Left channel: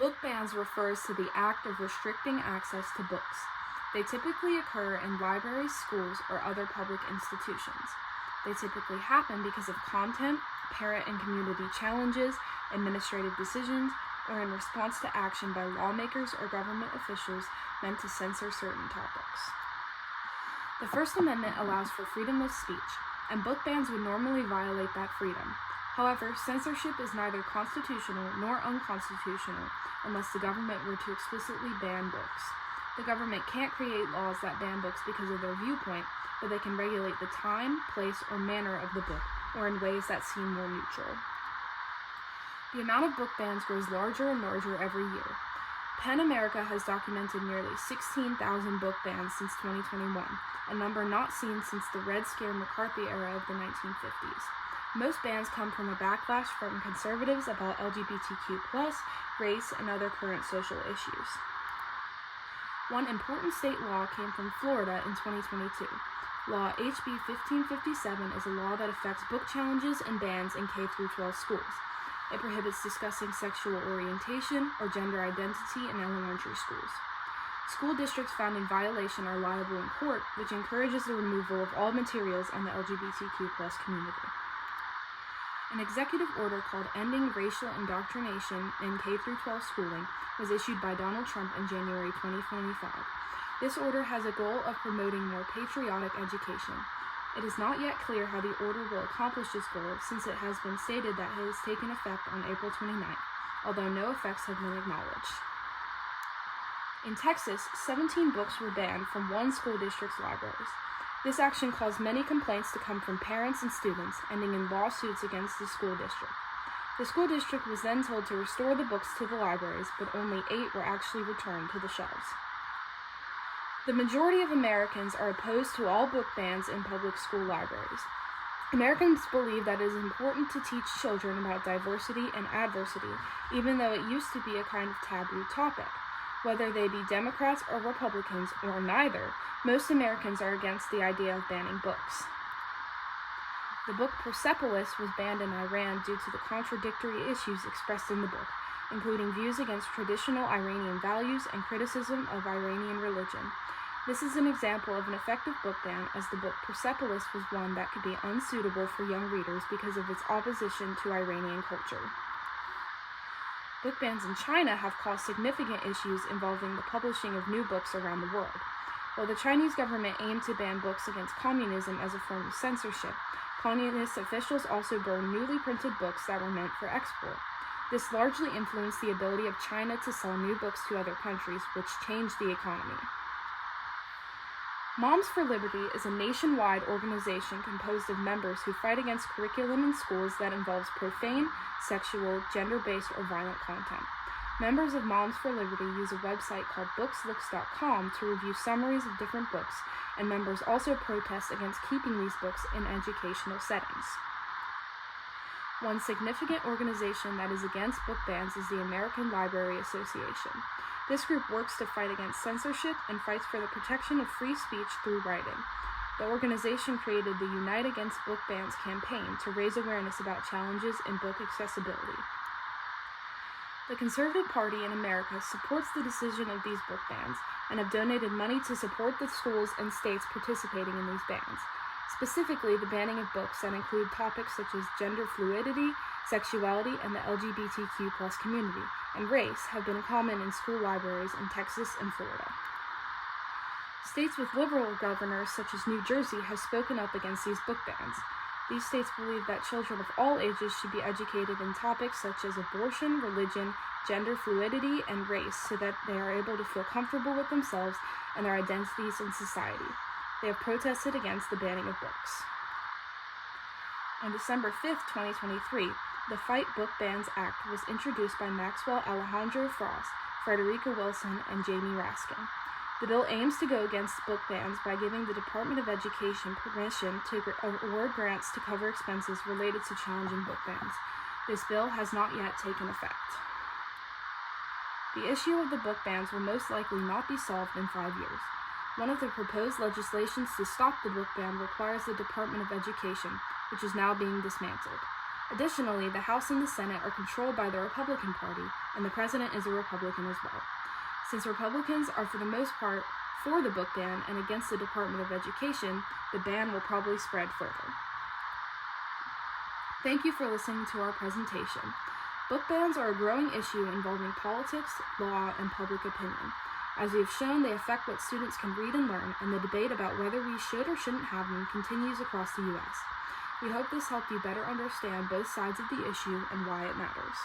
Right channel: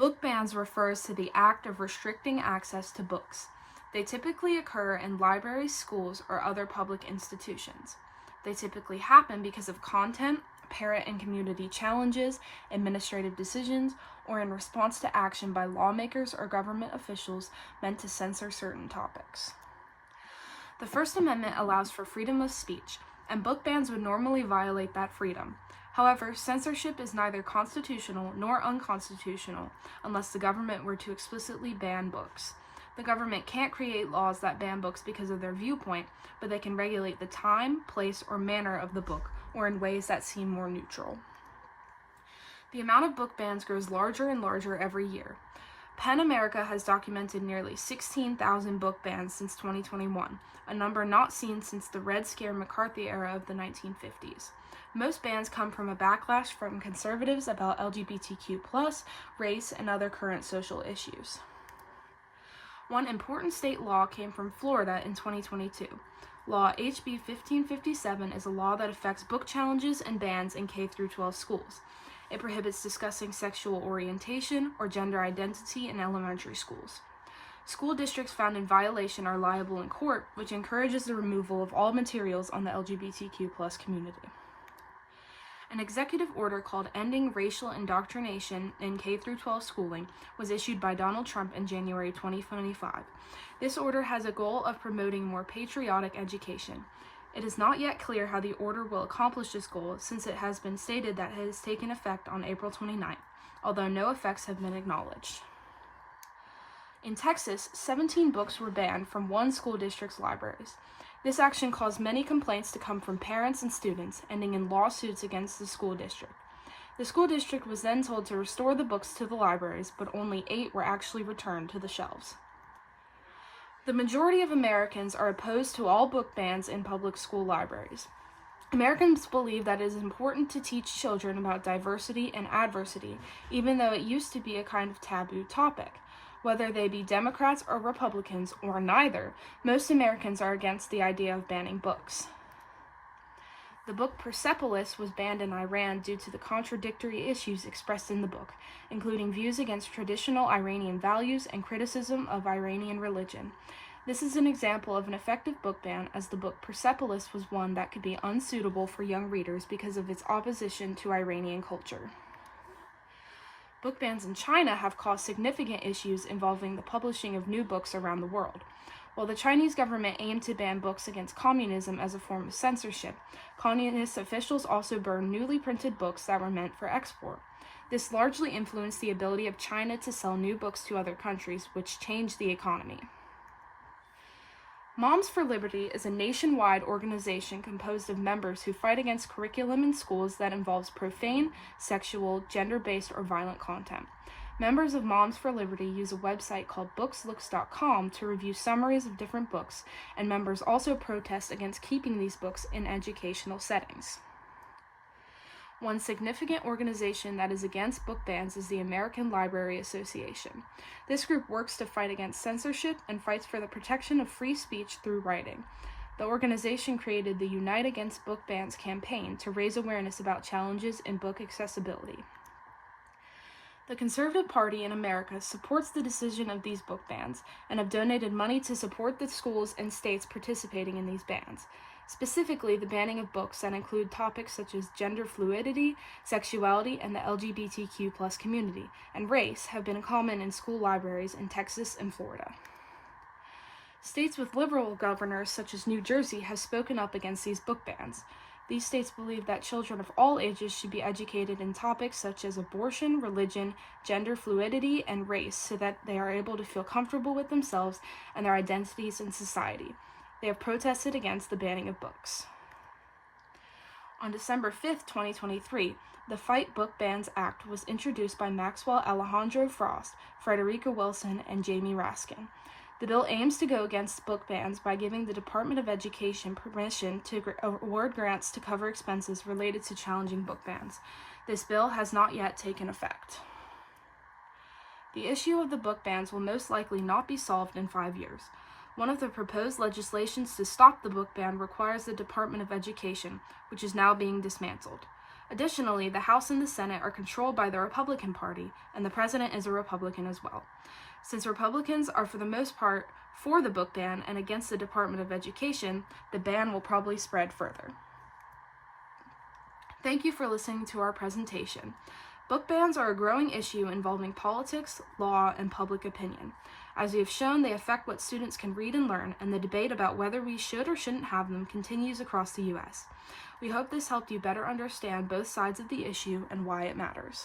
Book bans refers to the act of restricting access to books. They typically occur in libraries, schools, or other public institutions. They typically happen because of content, parent and community challenges, administrative decisions, or in response to action by lawmakers or government officials meant to censor certain topics. The First Amendment allows for freedom of speech, and book bans would normally violate that freedom. However, censorship is neither constitutional nor unconstitutional unless the government were to explicitly ban books. The government can't create laws that ban books because of their viewpoint, but they can regulate the time, place, or manner of the book, or in ways that seem more neutral. The amount of book bans grows larger and larger every year. PEN America has documented nearly 16,000 book bans since 2021, a number not seen since the Red Scare McCarthy era of the 1950s. Most bans come from a backlash from conservatives about LGBTQ+, race, and other current social issues. One important state law came from Florida in 2022. Law HB 1557 is a law that affects book challenges and bans in K-12 schools. It prohibits discussing sexual orientation or gender identity in elementary schools. School districts found in violation are liable in court, which encourages the removal of all materials on the LGBTQ+ community. An executive order called Ending Racial Indoctrination in K-12 Schooling was issued by Donald Trump in January 2025. This order has a goal of promoting more patriotic education. It is not yet clear how the order will accomplish this goal, since it has been stated that it has taken effect on April 29th, although no effects have been acknowledged. In Texas, 17 books were banned from one school district's libraries. This action caused many complaints to come from parents and students, ending in lawsuits against the school district. The school district was then told to restore the books to the libraries, but only 8 were actually returned to the shelves. The majority of Americans are opposed to all book bans in public school libraries. Americans believe that it is important to teach children about diversity and adversity, even though it used to be a kind of taboo topic. Whether they be Democrats or Republicans, or neither, most Americans are against the idea of banning books. The book Persepolis was banned in Iran due to the contradictory issues expressed in the book, including views against traditional Iranian values and criticism of Iranian religion. This is an example of an effective book ban, as the book Persepolis was one that could be unsuitable for young readers because of its opposition to Iranian culture. Book bans in China have caused significant issues involving the publishing of new books around the world. While the Chinese government aimed to ban books against communism as a form of censorship, communist officials also burned newly printed books that were meant for export. This largely influenced the ability of China to sell new books to other countries, which changed the economy. Moms for Liberty is a nationwide organization composed of members who fight against curriculum in schools that involves profane, sexual, gender-based, or violent content. Members of Moms for Liberty use a website called bookslooks.com to review summaries of different books, and members also protest against keeping these books in educational settings. One significant organization that is against book bans is the American Library Association. This group works to fight against censorship and fights for the protection of free speech through writing. The organization created the Unite Against Book Bans campaign to raise awareness about challenges in book accessibility. The Conservative Party in America supports the decision of these book bans and have donated money to support the schools and states participating in these bans. Specifically, the banning of books that include topics such as gender fluidity, sexuality, and the LGBTQ+ community, and race have been common in school libraries in Texas and Florida. States with liberal governors such as New Jersey have spoken up against these book bans. These states believe that children of all ages should be educated in topics such as abortion, religion, gender fluidity, and race so that they are able to feel comfortable with themselves and their identities in society. They have protested against the banning of books. On December 5, 2023, the Fight Book Bans Act was introduced by Maxwell Alejandro Frost, Frederica Wilson, and Jamie Raskin. The bill aims to go against book bans by giving the Department of Education permission to award grants to cover expenses related to challenging book bans. This bill has not yet taken effect. The issue of the book bans will most likely not be solved in 5 years. One of the proposed legislations to stop the book ban requires the Department of Education, which is now being dismantled. Additionally, the House and the Senate are controlled by the Republican Party, and the president is a Republican as well. Since Republicans are for the most part for the book ban and against the Department of Education, the ban will probably spread further. Thank you for listening to our presentation. Book bans are a growing issue involving politics, law, and public opinion. As we have shown, they affect what students can read and learn, and the debate about whether we should or shouldn't have them continues across the U.S. We hope this helped you better understand both sides of the issue and why it matters.